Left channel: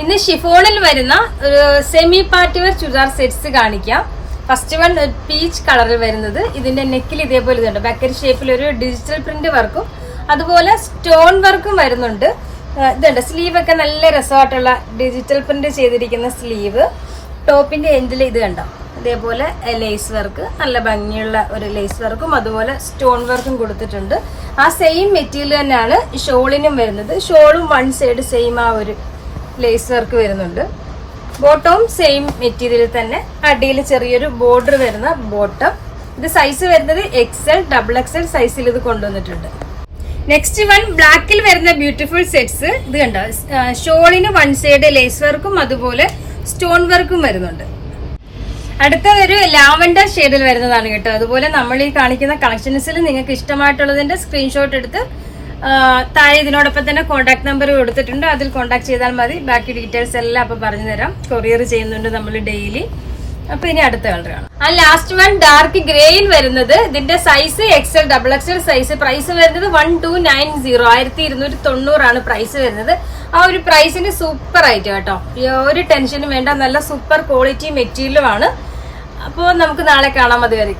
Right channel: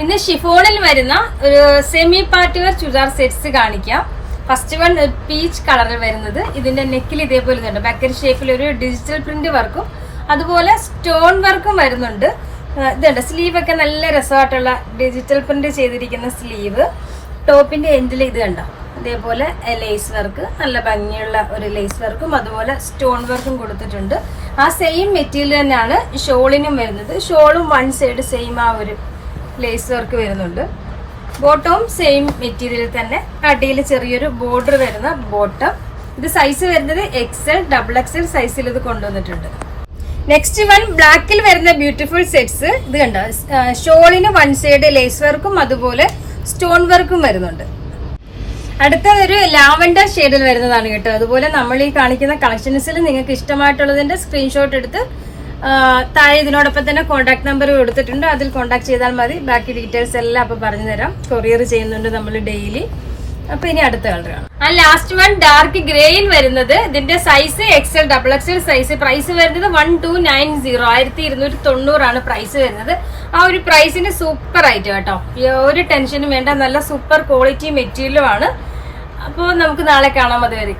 ഇന്ന് ഷിഫോണിൽ വരുന്ന ഒരു semi party wear churidar sets കാണിക്കാം. ഫസ്റ്റ് വൺ പീച്ച് കളറിൽ വരുന്നത്. ഇതിന്റെ നെക്കിൽ ഇതേപോലെ ഇതുണ്ട്. ബക്കറ്റ് ഷേപ്പിൽ ഒരു ഡിജിറ്റൽ പ്രിന്റ് വർക്കും അതുപോലെ സ്റ്റോൺ വർക്കും വരുന്നുണ്ട്. ഇതുണ്ട് സ്ലീവ് ഒക്കെ നല്ല രസമായിട്ടുള്ള ഡിജിറ്റൽ പ്രിന്റ് ചെയ്തിരിക്കുന്ന സ്ലീവ്. ടോപ്പിന്റെ എൻഡിൽ ഇത് കണ്ടോ അതേപോലെ ലേസ് വർക്ക്, നല്ല ഭംഗിയുള്ള ഒരു ലേസ് വർക്കും അതുപോലെ സ്റ്റോൺ വർക്കും കൊടുത്തിട്ടുണ്ട്. ആ സെയിം മെറ്റീരിയൽ തന്നെയാണ് ഷോളിനും വരുന്നത്. ഷോളും വൺ സൈഡ് സെയിം ആ ഒരു ലേസ് വർക്ക് വരുന്നുണ്ട്. ബോട്ടവും സെയിം മെറ്റീരിയൽ തന്നെ. അടിയിൽ ചെറിയൊരു ബോർഡർ വരുന്ന ബോട്ടം. ഇത് സൈസ് വരുന്നത് XL, XXL സൈസിൽ ഇത് കൊണ്ടുവന്നിട്ടുണ്ട്. നെക്സ്റ്റ് വൺ ബ്ലാക്കിൽ വരുന്ന ബ്യൂട്ടിഫുൾ സെറ്റ്സ്. ഇത് കണ്ടോ ഷോളിന് വൺ സൈഡ് ലേസ് വർക്കും അതുപോലെ സ്റ്റോൺ വർക്കും വരുന്നുണ്ട്. അടുത്തതൊരു ലാവൻഡർ ഷെയ്ഡിൽ വരുന്നതാണ് കേട്ടോ. അതുപോലെ നമ്മൾ ഈ കാണിക്കുന്ന കളക്ഷൻസിൽ നിങ്ങൾക്ക് ഇഷ്ടമായിട്ടുള്ളതിന്റെ സ്ക്രീൻഷോട്ട് എടുത്ത് താഴെ ഇതിനോടൊപ്പം തന്നെ കോൺടാക്ട് നമ്പർ കൊടുത്തിട്ടുണ്ട്. അതിൽ കോൺടാക്ട് ചെയ്താൽ മതി. ബാക്കി ഡീറ്റെയിൽസ് എല്ലാം അപ്പൊ പറഞ്ഞു തരാം. കൊറിയർ ചെയ്യുന്നുണ്ട് നമ്മൾ ഡെയിലി. അപ്പൊ ഇനി അടുത്ത കളർ കാണാം. ആ ലാസ്റ്റ് വൺ ഡാർക്ക് ഗ്രേയിൽ വരുന്നത്. ഇതിന്റെ size XL, XXL size. Price വരുന്നത് 1290, 1290 ആണ് പ്രൈസ് വരുന്നത്. ആ ഒരു പ്രൈസിന് സൂപ്പർ ആയിട്ട് കേട്ടോ. ഒരു ടെൻഷനും വേണ്ട. നല്ല സൂപ്പർ ക്വാളിറ്റി മെറ്റീരിയലും ആണ്. അപ്പോൾ നമുക്ക് നാളെ കാണാം. അതുവരെ